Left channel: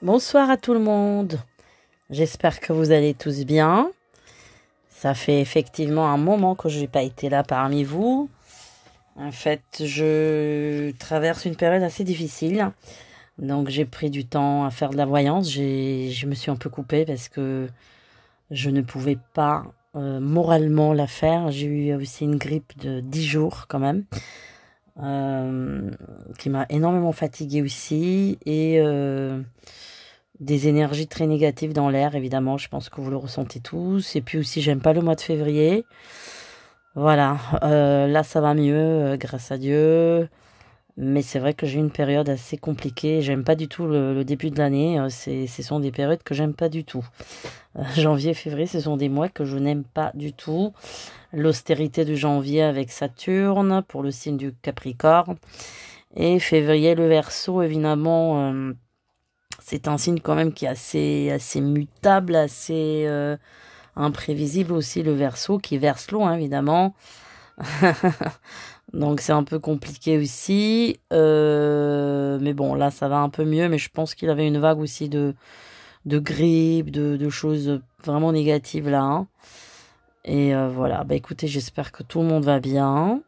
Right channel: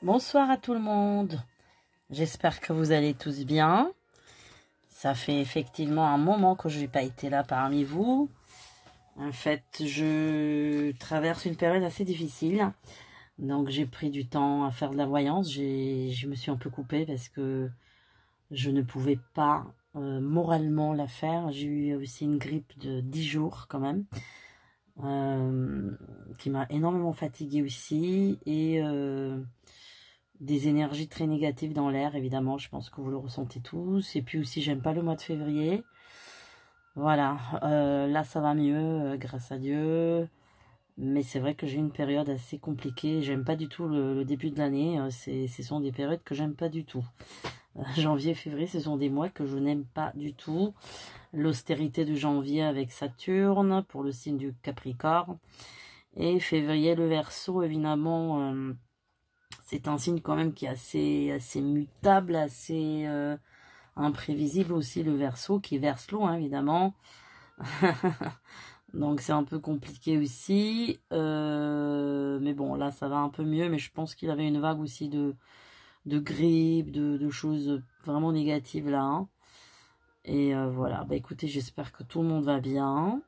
Bonsoir à tout le monde. J'espère que vous allez tous bien. Ça fait effectivement un moment que je n'ai pas été là parmi vous. En fait, je traverse une période assez difficile. Donc, j'ai pris du temps à faire de la voyance. Je me suis un peu coupée parce que je ne pouvais pas moralement la faire. J'ai eu aussi une grippe de 10 jours quand même. Qui m'a énormément fatiguée aussi. Et des énergies très négatives dans l'air, évidemment, je pense que vous le ressentez tous. Et puis aussi, j'aime pas le mois de février. Voilà, là ça va mieux, grâce à Dieu. Mais c'est vrai que j'ai une période assez compliquée. J'aime pas du tout le début de l'année. Ce sont des périodes que j'aime pas du tout. Janvier, février, ce sont des mois que je n'aime pas du tout. L'austérité de janvier avec Saturne pour le signe du Capricorne. Et février, le Verseau, évidemment. C'est un signe quand même qui est assez mutable, assez imprévisible aussi, le Verseau, qui verse l'eau, hein, évidemment. Donc c'est un peu compliqué aussi. Mais bon, là ça va un peu mieux, mais je pense qu'il avait une vague aussi de grippe, de choses vraiment négatives là, hein. Et voilà, bah écoutez, j'espère que tout le monde va bien.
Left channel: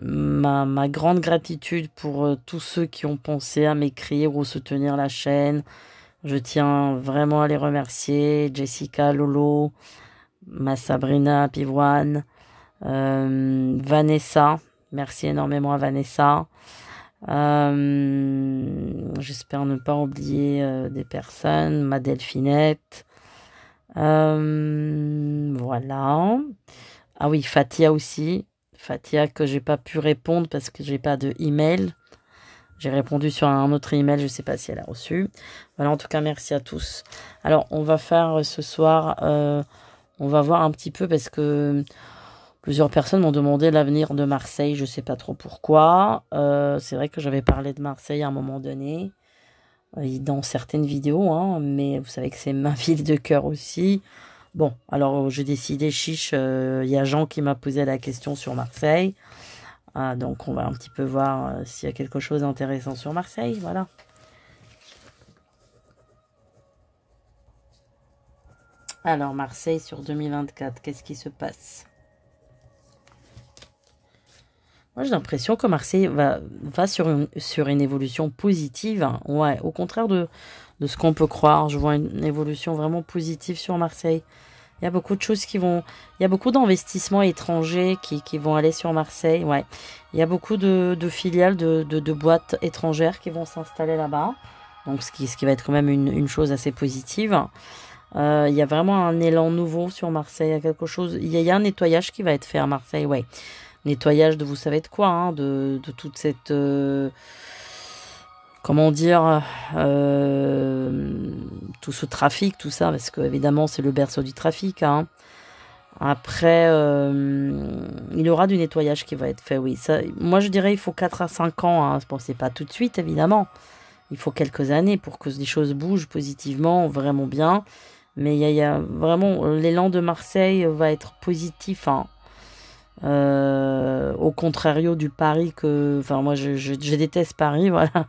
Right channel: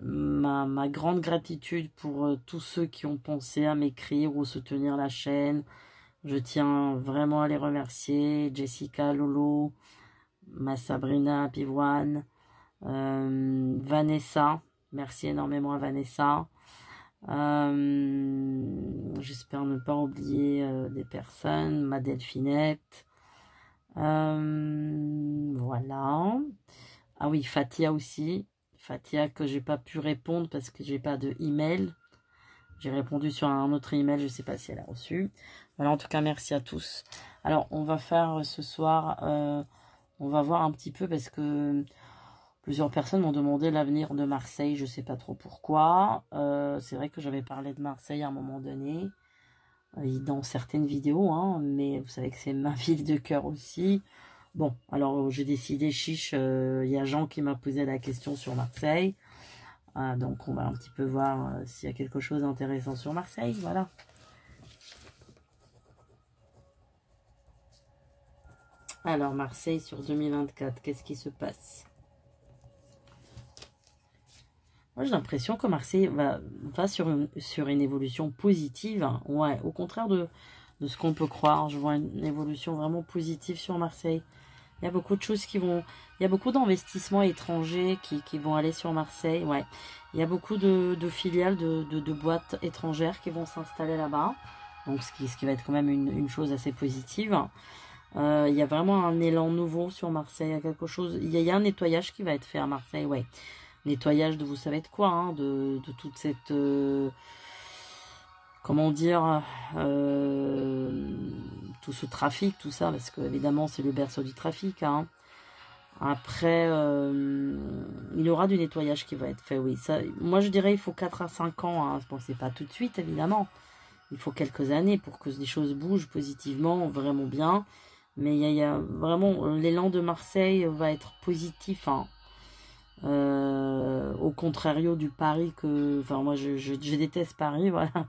Ma grande gratitude pour tous ceux qui ont pensé à m'écrire ou soutenir la chaîne. Je tiens vraiment à les remercier. Jessica, Lolo, ma Sabrina, Pivoine, Vanessa. Merci énormément à Vanessa. J'espère ne pas oublier des personnes. Ma Delphinette. Voilà. Ah oui, Fatia aussi. Fatia que j'ai pas pu répondre parce que j'ai pas de email. J'ai répondu sur un autre email, je ne sais pas si elle a reçu. Voilà, en tout cas, merci à tous. Alors, on va faire ce soir, on va voir un petit peu parce que plusieurs personnes m'ont demandé l'avenir de Marseille. Je ne sais pas trop pourquoi. C'est vrai que j'avais parlé de Marseille à un moment donné, dans certaines vidéos, hein, mais vous savez que c'est ma ville de cœur aussi. Bon, alors j'ai décidé, chiche, il y a Jean qui m'a posé la question sur Marseille. Donc on va un petit peu voir s'il y a quelque chose d'intéressant sur Marseille, voilà. Alors Marseille sur 2024, qu'est-ce qui se passe? Moi j'ai l'impression que Marseille va sur une évolution positive, hein. Ouais, au contraire de ce qu'on peut croire. Je vois une évolution vraiment positive sur Marseille. Il y a beaucoup de choses qui vont... Il y a beaucoup d'investissements étrangers qui vont aller sur Marseille. Ouais. Il y a beaucoup de filiales de boîtes étrangères qui vont s'installer là-bas. Donc, ce qui va être quand même une chose assez positive. Il y a vraiment un élan nouveau sur Marseille. Il y a quelque chose... Il y a un nettoyage qui va être fait à Marseille. Ouais. Nettoyage de vous savez de quoi, hein, de toute cette... comment dire, tout ce trafic, tout ça, parce que évidemment c'est le berceau du trafic, hein. Après, il y aura du nettoyage qui va être fait, oui. Ça, moi je dirais il faut 4 à 5 ans, hein. Bon, c'est pas tout de suite évidemment, il faut quelques années pour que les choses bougent positivement, vraiment bien. Mais il y a vraiment, l'élan de Marseille va être positif, hein. Au contrario du Paris que... Enfin moi je déteste Paris, voilà.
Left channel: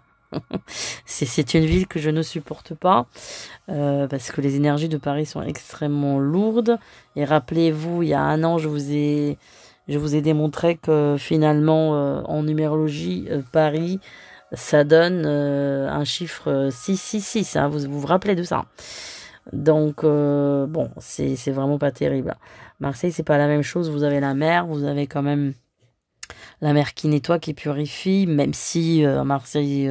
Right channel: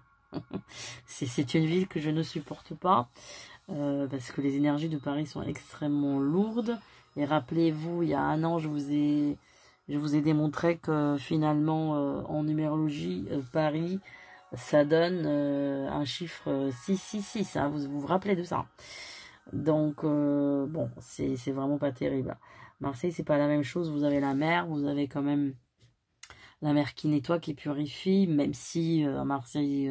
C'est une ville que je ne supporte pas parce que les énergies de Paris sont extrêmement lourdes. Et rappelez-vous, il y a un an, je vous ai démontré que finalement, en numérologie, Paris, ça donne un chiffre 666. Hein, vous vous rappelez de ça? Donc, bon, c'est vraiment pas terrible. Marseille, c'est pas la même chose. Vous avez la mer, vous avez quand même la mer qui nettoie, qui purifie, même si à Marseille,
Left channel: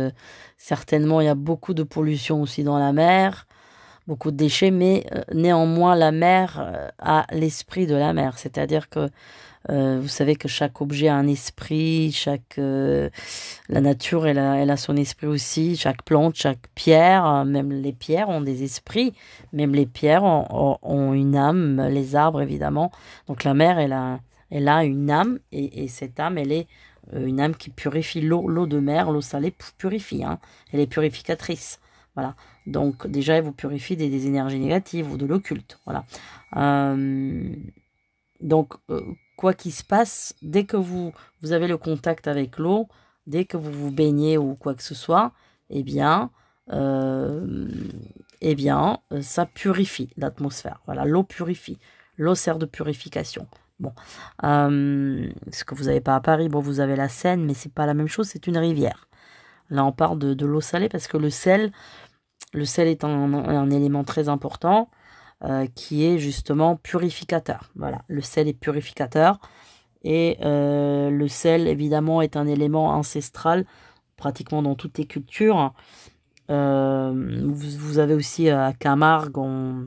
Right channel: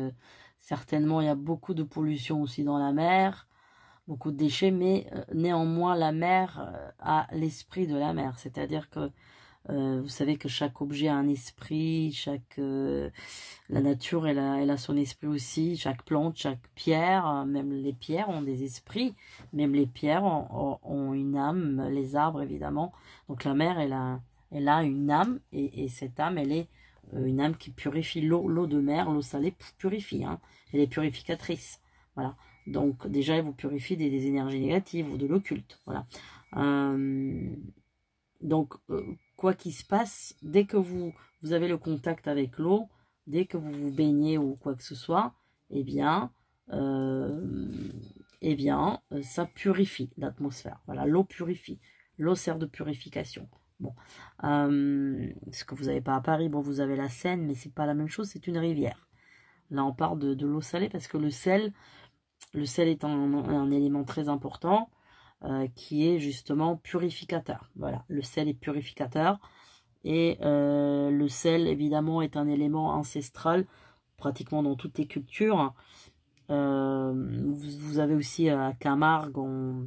certainement, il y a beaucoup de pollution aussi dans la mer, beaucoup de déchets, mais néanmoins, la mer a l'esprit de la mer. C'est-à-dire que vous savez que chaque objet a un esprit, la nature, elle a son esprit aussi, chaque plante, chaque pierre, même les pierres ont des esprits, même les pierres ont une âme, les arbres évidemment. Donc la mer, elle a une âme, et cette âme, elle est une âme qui purifie l'eau de mer, l'eau salée purifie, hein. Elle est purificatrice, voilà. Donc déjà, elle vous purifie des énergies négatives ou de l'occulte, voilà. Donc, quoi qu'il se passe, dès que vous avez le contact avec l'eau, dès que vous vous baignez ou quoi que ce soit, eh bien, euh, ça purifie l'atmosphère. Voilà, l'eau purifie. L'eau sert de purification. Bon, ce que vous n'avez pas à Paris, bon, vous avez la Seine, mais c'est pas la même chose, c'est une rivière. Là, on parle de l'eau salée parce que le sel est un élément très important qui est justement purificateur. Voilà, le sel est purificateur et le sel, évidemment, est un élément ancestral pratiquement dans toutes les cultures. Vous avez aussi à Camargue en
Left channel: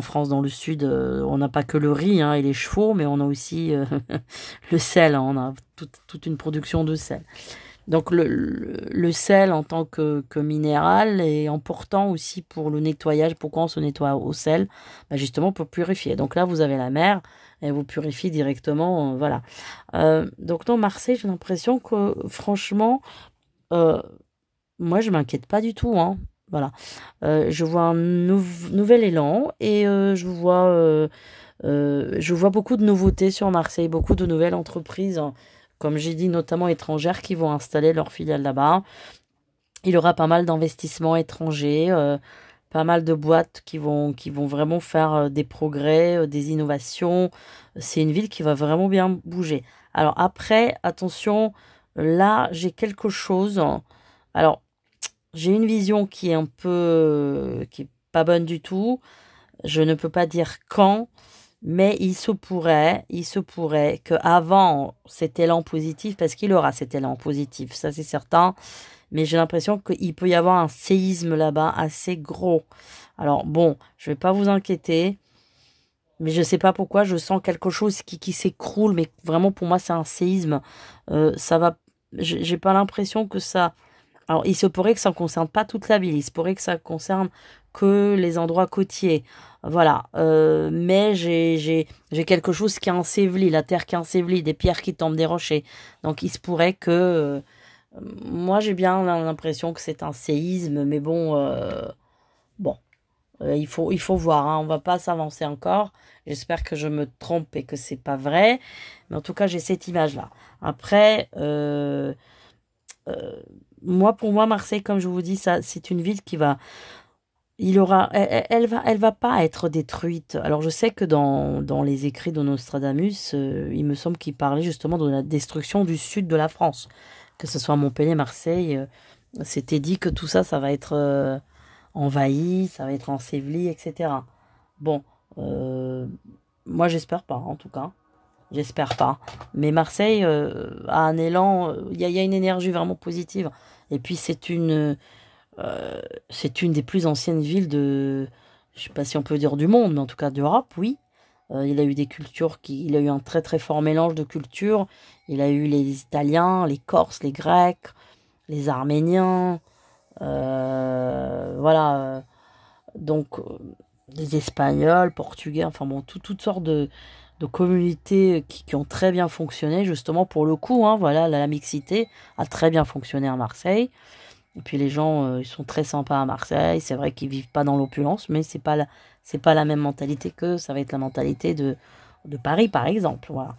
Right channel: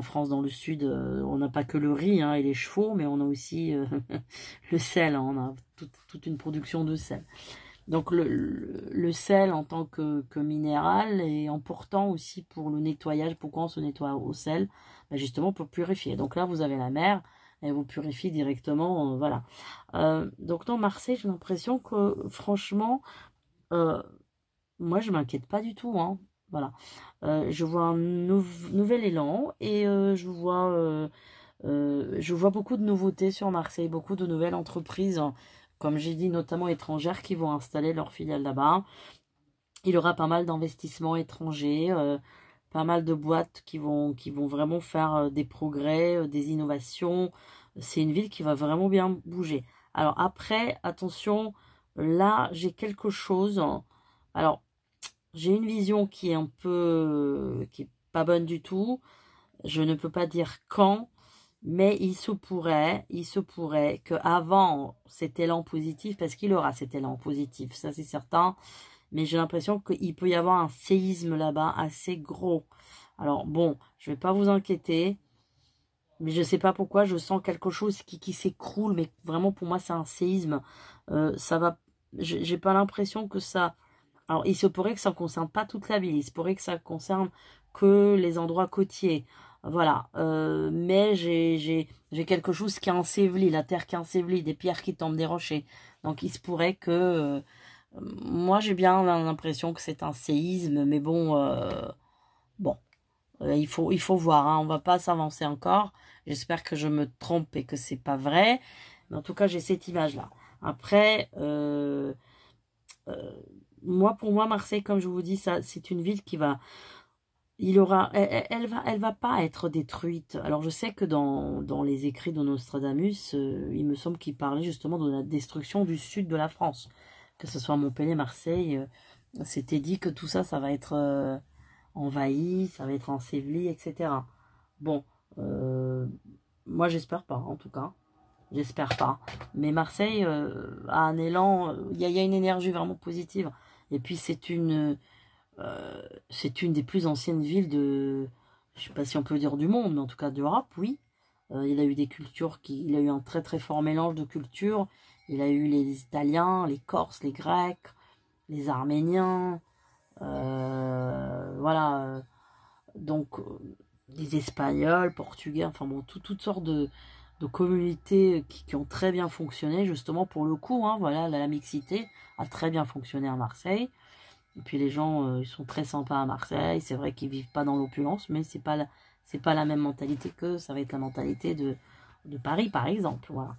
France, dans le sud, on n'a pas que le riz et les chevaux, mais on a aussi le sel. On a toute une production de sel. Donc le sel en tant que minéral est important aussi pour le nettoyage. Pourquoi on se nettoie au sel? Justement pour purifier. Donc là, vous avez la mer, elle vous purifie directement. Voilà. Donc non, Marseille, j'ai l'impression que franchement, moi, je m'inquiète pas du tout. Voilà. Je vois un nouvel élan et je vois beaucoup de nouveautés sur Marseille, beaucoup de nouvelles entreprises, comme j'ai dit, notamment étrangères, qui vont installer leur filiale là-bas. Il y aura pas mal d'investissements étrangers, pas mal de boîtes qui vont vraiment faire des progrès, des innovations. C'est une ville qui va vraiment bien bouger. Alors après, attention, là, j'ai quelque chose. Alors, j'ai une vision qui est qui est pas bonne du tout. Je ne peux pas dire quand, mais il se pourrait qu'avant cet élan positif, parce qu'il aura cet élan positif, ça c'est certain, mais j'ai l'impression qu'il peut y avoir un séisme là-bas assez gros. Alors bon, je vais pas vous inquiéter, mais je sais pas pourquoi, je sens quelque chose qui s'écroule, mais vraiment pour moi c'est un séisme. Ça va, j'ai pas l'impression que ça... Alors, il se pourrait que ça ne concerne pas toute la ville, il se pourrait que ça concerne que les endroits côtiers. Voilà. Mais j'ai quelque chose qui est enseveli, la terre qui est ensevelie, des pierres qui tombent des rochers. Donc, il se pourrait que... moi, j'ai bien l'impression que c'est un séisme, mais bon, il faut voir. On va pas s'avancer encore. J'espère que je me trompe et que c'est pas vrai. Mais en tout cas, j'ai cette image-là. Après... pour moi, Marseille, comme je vous dis, ça, c'est une ville qui va, elle va pas être détruite. Alors, je sais que dans les écrits de Nostradamus, il me semble qu'il parlait justement de la destruction du sud de la France, que ce soit Montpellier, Marseille. C'était dit que tout ça, ça va être envahi, ça va être enseveli, etc. Bon, moi, j'espère pas, en tout cas. J'espère pas. Mais Marseille a un élan, il y a une énergie vraiment positive. Et puis c'est une des plus anciennes villes je sais pas si on peut dire du monde, mais en tout cas d'Europe, oui. Il a eu des cultures il a eu un très très fort mélange de cultures. Il a eu les Italiens, les Corses, les Grecs, les Arméniens, voilà. Donc les Espagnols, Portugais, enfin bon, toutes sortes de communautés qui ont très bien fonctionné, justement pour le coup, voilà, la mixité a très bien fonctionné à Marseille. Et puis les gens, ils sont très sympas à Marseille. C'est vrai qu'ils vivent pas dans l'opulence, mais c'est pas la même mentalité que ça va être la mentalité de Paris, par exemple. Voilà.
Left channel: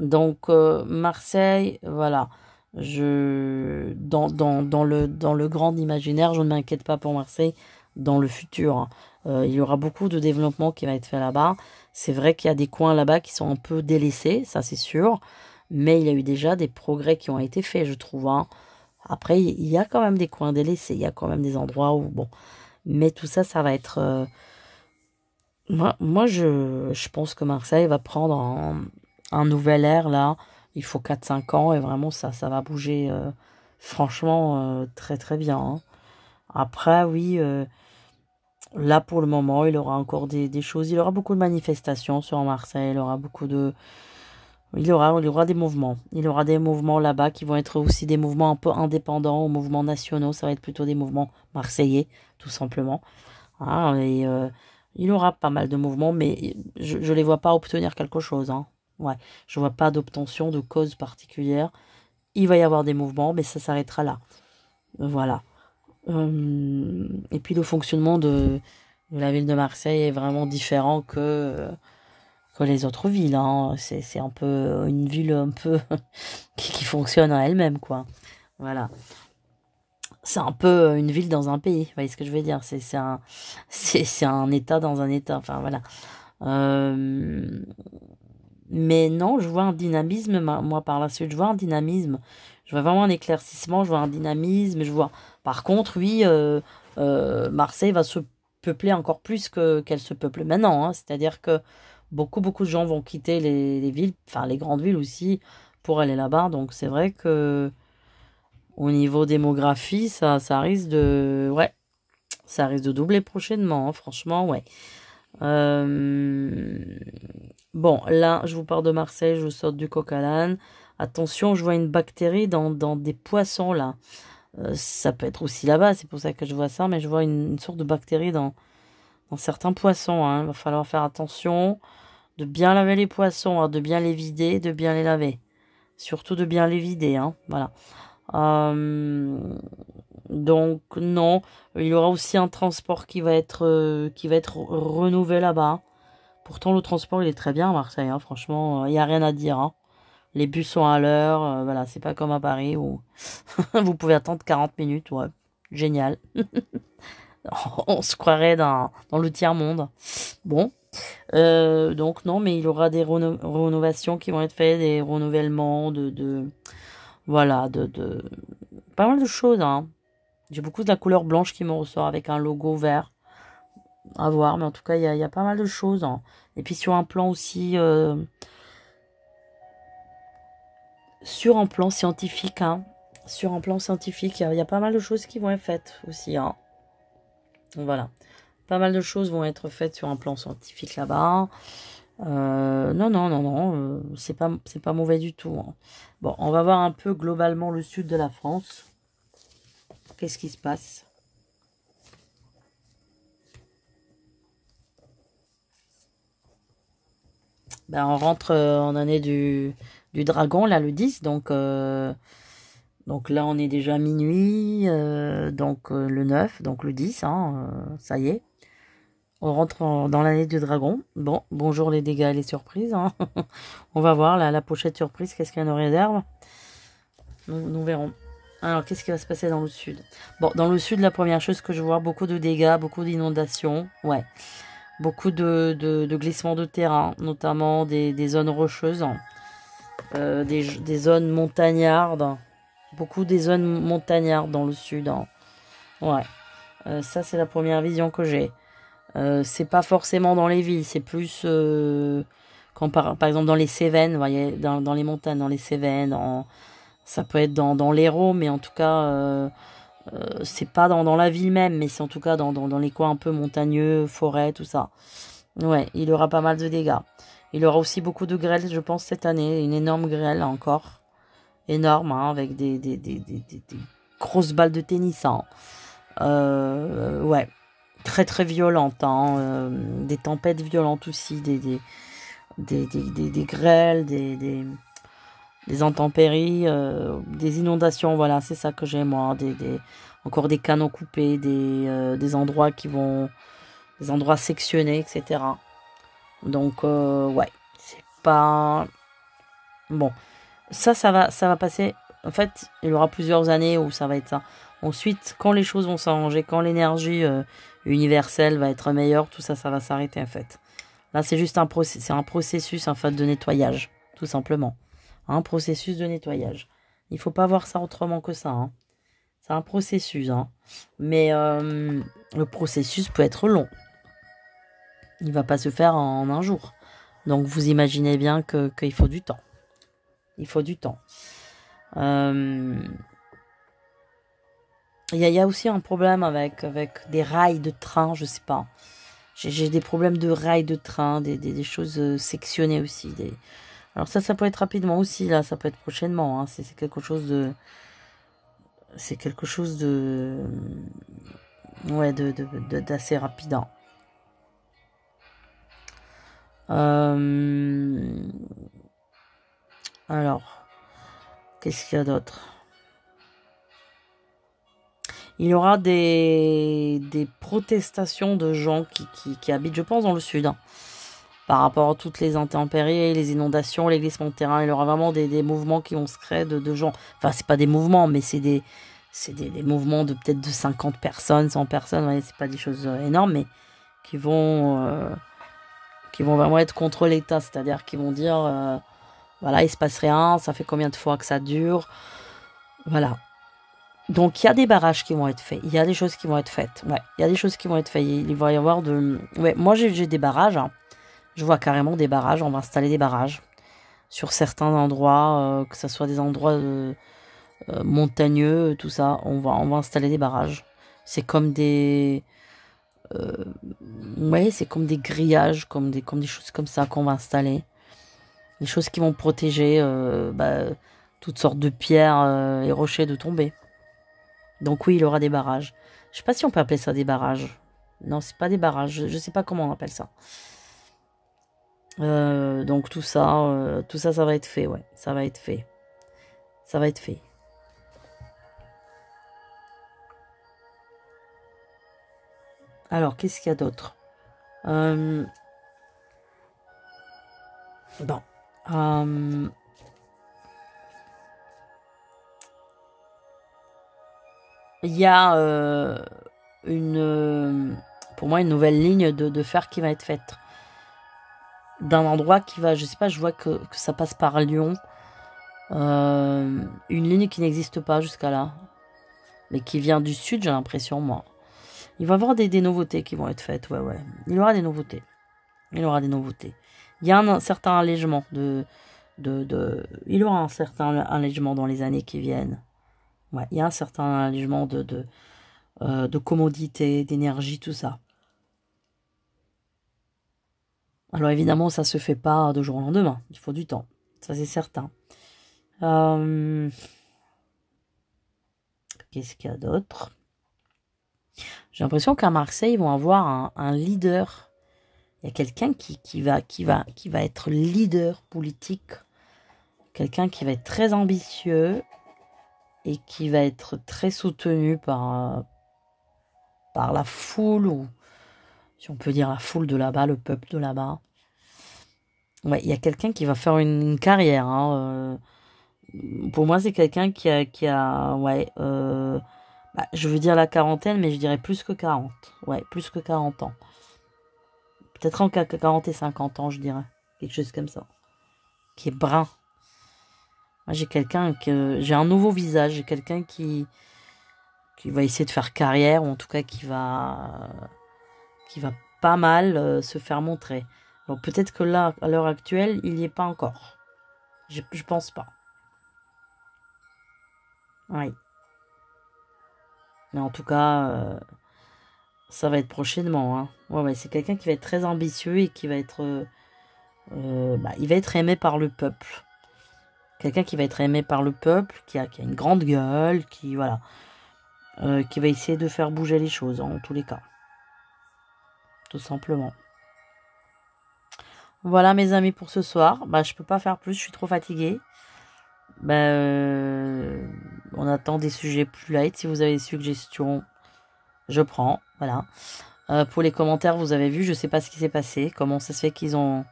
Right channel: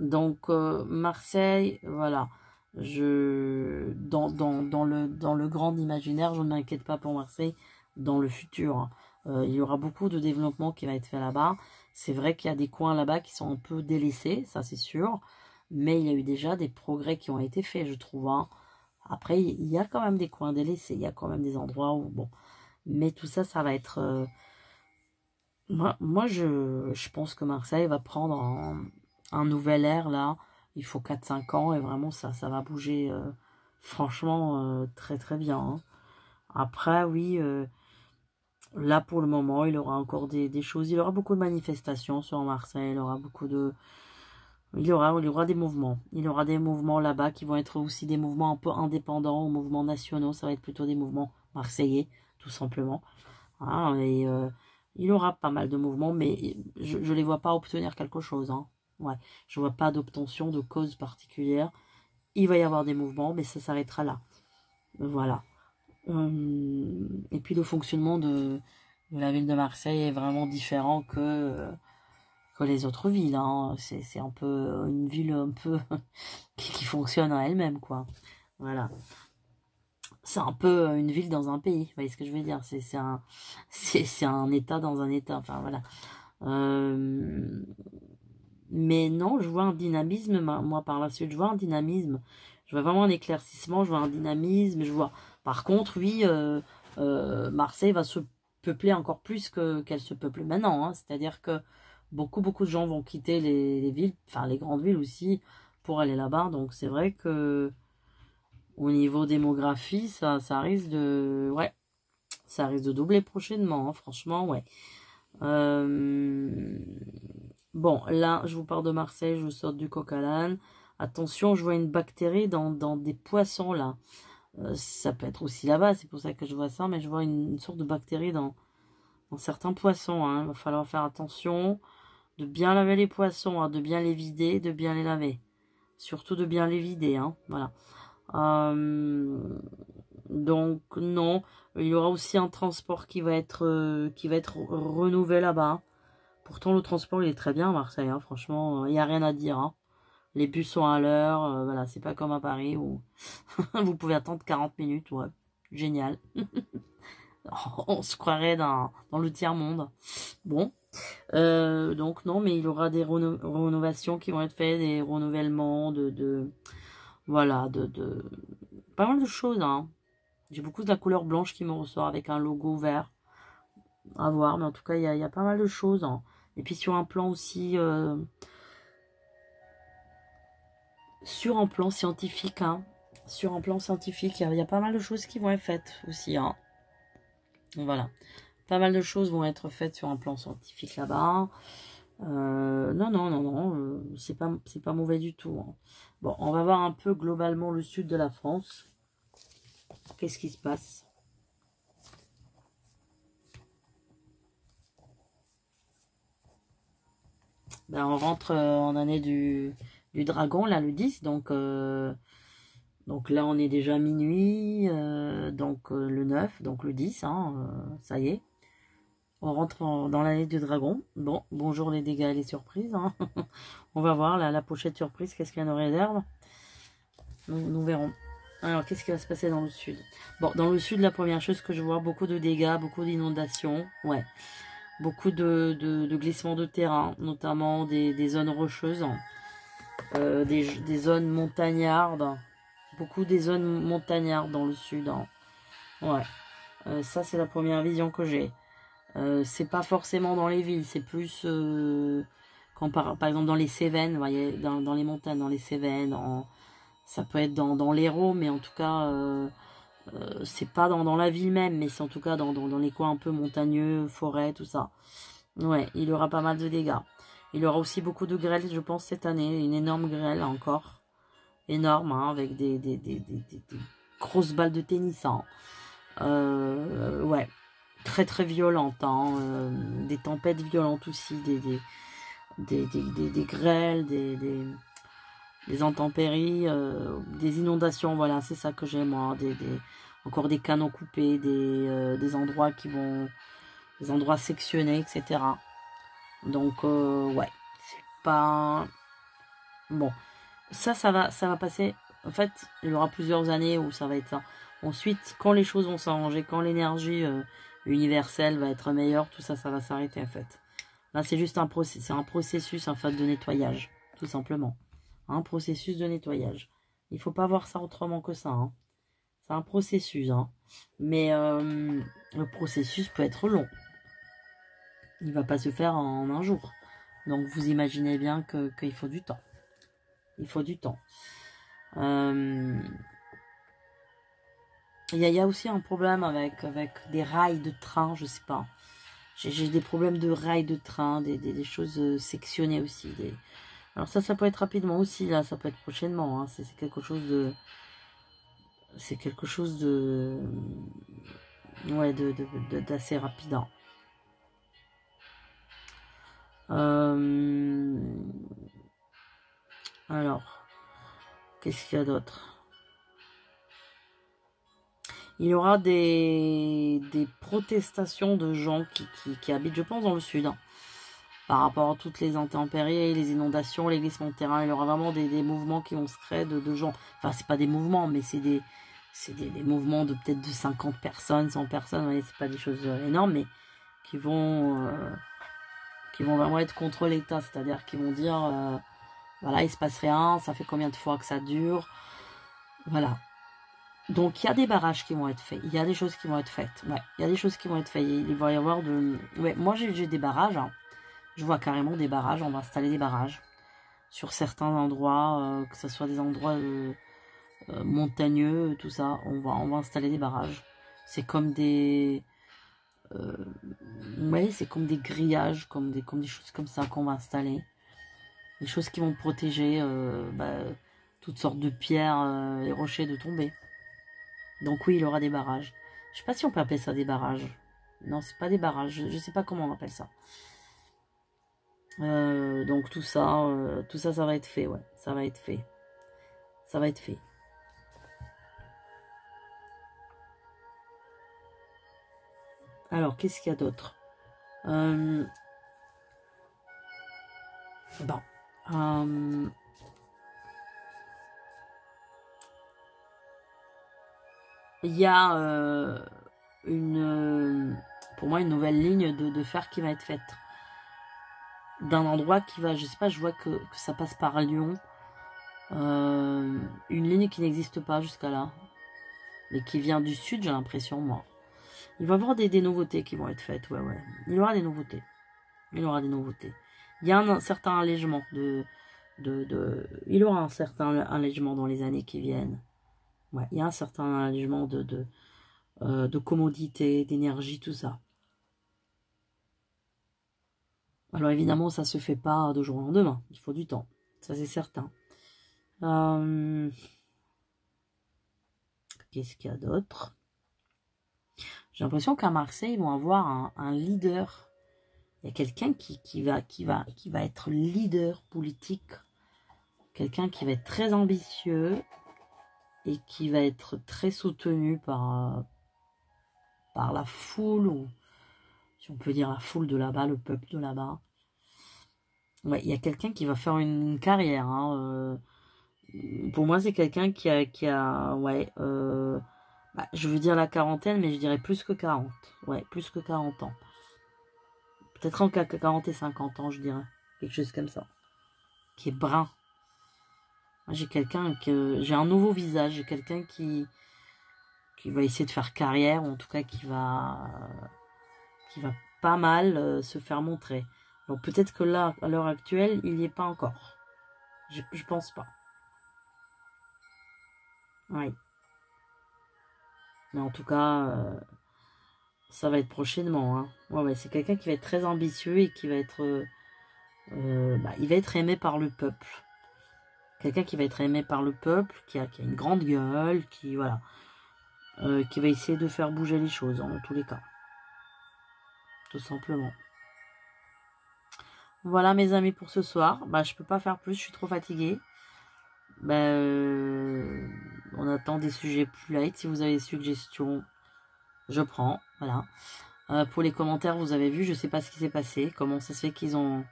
Donc Marseille, voilà. Dans le grand imaginaire, je ne m'inquiète pas pour Marseille dans le futur. Il y aura beaucoup de développement qui va être fait là-bas. C'est vrai qu'il y a des coins là-bas qui sont un peu délaissés, ça c'est sûr. Mais il y a eu déjà des progrès qui ont été faits, je trouve. Après, il y a quand même des coins délaissés. Il y a quand même des endroits où... Bon. Mais tout ça, ça va être... Moi je pense que Marseille va prendre un nouvel air, là. Il faut 4 5 ans et vraiment, ça va bouger franchement très très bien. Après, oui, là pour le moment, il aura encore des choses. Il aura beaucoup de manifestations sur Marseille. Il aura beaucoup de... il y aura des mouvements. Il y aura des mouvements là-bas qui vont être aussi des mouvements un peu indépendants, ou mouvements nationaux. Ça va être plutôt des mouvements marseillais, tout simplement. Et il y aura pas mal de mouvements, mais je ne les vois pas obtenir quelque chose. Ouais, je vois pas d'obtention de cause particulière. Il va y avoir des mouvements, mais ça s'arrêtera là. Voilà. Et puis le fonctionnement de la ville de Marseille est vraiment différent que les autres villes. C'est un peu une ville un peu qui fonctionne à elle-même, quoi. Voilà. C'est un peu une ville dans un pays, vous voyez ce que je veux dire. C'est un état dans un état, enfin voilà. Mais non, je vois un dynamisme, moi par la suite, je vois un dynamisme. Je vois vraiment un éclaircissement, je vois un dynamisme, je vois... Par contre, oui, Marseille va se peupler encore plus qu'elle se peuple maintenant, hein. C'est-à-dire que beaucoup de gens vont quitter les villes, enfin les grandes villes aussi, pour aller là-bas. Donc c'est vrai que au niveau démographie, ça risque de... Ouais, ça risque de doubler prochainement, hein, franchement, ouais. Euh, Bon, là, je vous parle de Marseille, je vous sors du coq à l'âne. Attention, je vois une bactérie dans des poissons, là. Ça peut être aussi là-bas, c'est pour ça que je vois ça, mais je vois une sorte de bactérie dans certains poissons, hein. Il va falloir faire attention de bien laver les poissons, hein, de bien les vider, de bien les laver. Surtout de bien les vider, hein, voilà. Euh, donc non, il y aura aussi un transport qui va être renouvelé là-bas. Pourtant le transport il est très bien à Marseille, hein, franchement, il n'y a rien à dire, hein. Les bus sont à l'heure, voilà, c'est pas comme à Paris où vous pouvez attendre 40 minutes, ouais, génial. On se croirait dans le tiers-monde. Bon, donc non, mais il y aura des rénovations qui vont être faites, des renouvellements voilà, pas mal de choses, hein. J'ai beaucoup de la couleur blanche qui me ressort avec un logo vert. À voir, mais en tout cas, il y a pas mal de choses, hein. Et puis sur un plan aussi, sur un plan scientifique, hein. Sur un plan scientifique, il y a pas mal de choses qui vont être faites aussi, hein. Donc, voilà. Pas mal de choses vont être faites sur un plan scientifique là-bas. Non, c'est pas mauvais du tout, hein. Bon, on va voir un peu globalement le sud de la France. Qu'est-ce qui se passe? Ben, on rentre en année du dragon, là, le 10. Donc là, on est déjà à minuit. Le 9, donc le 10, hein, ça y est. On rentre dans l'année du dragon. Bon, bonjour les dégâts et les surprises, hein. On va voir la pochette surprise, qu'est-ce qu'elle nous réserve. Nous verrons. Alors, qu'est-ce qui va se passer dans le sud? Bon, dans le sud, la première chose que je vois, beaucoup de dégâts, beaucoup d'inondations. Ouais. Beaucoup de glissements de terrain, notamment des zones rocheuses, des zones montagnardes. Beaucoup des zones montagnardes dans le sud, hein. Ouais. Ça, c'est la première vision que j'ai. C'est pas forcément dans les villes, c'est plus quand par exemple dans les Cévennes, vous voyez, dans les montagnes, dans les Cévennes, ça peut être dans l'Hérault, mais en tout cas, c'est pas dans la ville même, mais c'est en tout cas dans les coins un peu montagneux, forêt, tout ça. Ouais, il aura pas mal de dégâts. Il aura aussi beaucoup de grêle, je pense, cette année. Une énorme grêle encore. Énorme, hein, avec des grosses balles de tennis, hein. Ouais, très violente, hein, des tempêtes violentes aussi, des grêles, des intempéries, des inondations, voilà, c'est ça que j'ai moi, encore des canaux coupés, des endroits des endroits sectionnés, etc. Donc, ouais, c'est pas... Bon, ça va passer. En fait, il y aura plusieurs années où ça va être ça. Ensuite, quand les choses vont s'arranger, quand l'énergie universelle va être meilleure, tout ça, ça va s'arrêter en fait. Là, c'est juste c'est un processus en fait de nettoyage, tout simplement. Un processus de nettoyage. Il faut pas voir ça autrement que ça, hein. C'est un processus, hein. Mais le processus peut être long. Il va pas se faire en un jour. Donc, vous imaginez bien qu'il faut du temps. Il faut du temps. Il y a aussi un problème avec des rails de train, je sais pas. J'ai des problèmes de rails de train, des choses sectionnées aussi. Alors ça peut être rapidement aussi, là, ça peut être prochainement, hein. C'est quelque chose de... C'est quelque chose de... Ouais, d'assez rapide, hein. Alors, qu'est-ce qu'il y a d'autre? Il y aura des protestations de gens qui habitent, je pense, dans le sud, hein. par rapport à toutes les intempéries, les inondations, les glissements de terrain. Il y aura vraiment des mouvements qui vont se créer de gens. Enfin, c'est pas des mouvements, mais c'est des mouvements de peut-être de 50 personnes, 100 personnes. Ouais, c'est pas des choses énormes, mais qui vont vraiment être contre l'État. C'est-à-dire qu'ils vont dire, voilà, il se passe rien, ça fait combien de fois que ça dure. Voilà. Donc, il y a des barrages qui vont être faits. Il y a des choses qui vont être faites. Ouais, il y a des choses qui vont être faites. Il va y avoir de... Ouais, moi, j'ai des barrages. Hein. Je vois carrément des barrages. On va installer des barrages sur certains endroits, que ce soit des endroits montagneux, tout ça. On va installer des barrages. C'est comme des... ouais, c'est comme des grillages, comme des choses comme ça qu'on va installer. Des choses qui vont protéger toutes sortes de pierres et rochers de tomber. Donc oui, il y aura des barrages. Je sais pas si on peut appeler ça des barrages. Non, c'est pas des barrages. Je sais pas comment on appelle ça. Donc tout ça, ça va être fait, ouais. Ça va être fait. Ça va être fait. Alors, qu'est-ce qu'il y a d'autre? Bon. Il y a pour moi une nouvelle ligne de fer qui va être faite. D'un endroit qui va, je sais pas, je vois que ça passe par Lyon. Une ligne qui n'existe pas jusqu'à là. Mais qui vient du sud, j'ai l'impression, moi. Il va y avoir des nouveautés qui vont être faites, ouais. Il y aura des nouveautés. Il y aura des nouveautés. Il y a un certain allègement il y aura un certain allègement dans les années qui viennent. Ouais, il y a un certain allègement de commodité, d'énergie, tout ça. Alors évidemment, ça se fait pas de jour au lendemain. Il faut du temps. Ça, c'est certain. Qu'est-ce qu'il y a d'autre? J'ai l'impression qu'à Marseille, ils vont avoir un leader. Il y a quelqu'un qui va être leader politique. Quelqu'un qui va être très ambitieux et qui va être très soutenu par la foule, ou si on peut dire la foule de là-bas, le peuple de là-bas. Ouais, il y a quelqu'un qui va faire une carrière. Hein, pour moi, c'est quelqu'un qui a ouais, je veux dire la quarantaine, mais je dirais plus que 40. Ouais, plus que 40 ans. Peut-être entre 40 et 50 ans, je dirais. Quelque chose comme ça. Qui est brun. Moi, j'ai un nouveau visage. J'ai quelqu'un qui va essayer de faire carrière, ou en tout cas qui va pas mal se faire montrer. Bon, peut-être que là, à l'heure actuelle, il n'y est pas encore. Je pense pas. Oui. Mais en tout cas, ça va être prochainement. Hein. Ouais, c'est quelqu'un qui va être très ambitieux et qui va être... il va être aimé par le peuple. Quelqu'un qui va être aimé par le peuple, qui a une grande gueule, qui va essayer de faire bouger les choses, en tous les cas. Tout simplement. Voilà mes amis pour ce soir. Je peux pas faire plus, je suis trop fatiguée. On attend des sujets plus light. Si vous avez des suggestions, je prends. Voilà. Pour les commentaires, vous avez vu, je sais pas ce qui s'est passé. Comment ça se fait qu'ils ont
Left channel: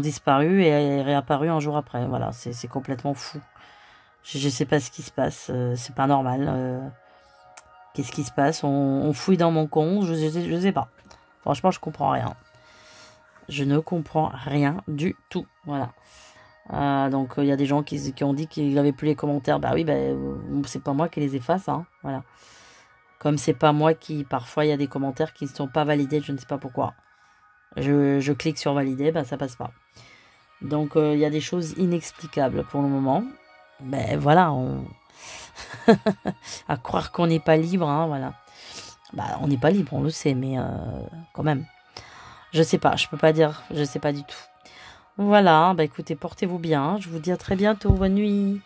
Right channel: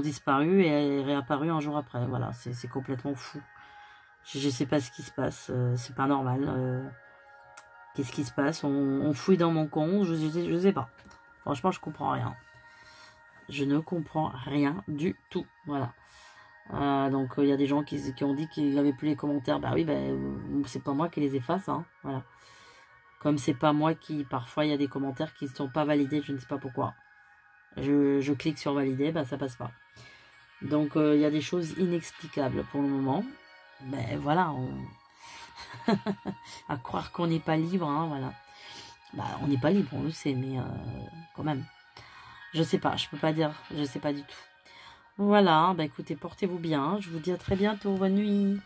disparu et réapparu un jour après. Voilà, c'est complètement fou. Je sais pas ce qui se passe. C'est pas normal. Qu'est-ce qui se passe? On fouille dans mon compte. Je sais pas. Franchement, je comprends rien. Je ne comprends rien du tout. Voilà. Donc il y a des gens qui ont dit qu'ils n'avaient plus les commentaires. Bah oui, c'est pas moi qui les efface. Hein, voilà. Comme c'est pas moi qui... Parfois il y a des commentaires qui ne sont pas validés. Je ne sais pas pourquoi. Je clique sur valider. Ça passe pas. Donc il y a des choses inexplicables pour le moment. Voilà. À croire qu'on n'est pas libre. Hein, voilà. On n'est pas libre, on le sait. Mais quand même. Je sais pas. Je peux pas dire. Je sais pas du tout. Voilà, écoutez, portez-vous bien. Je vous dis à très bientôt. Bonne nuit.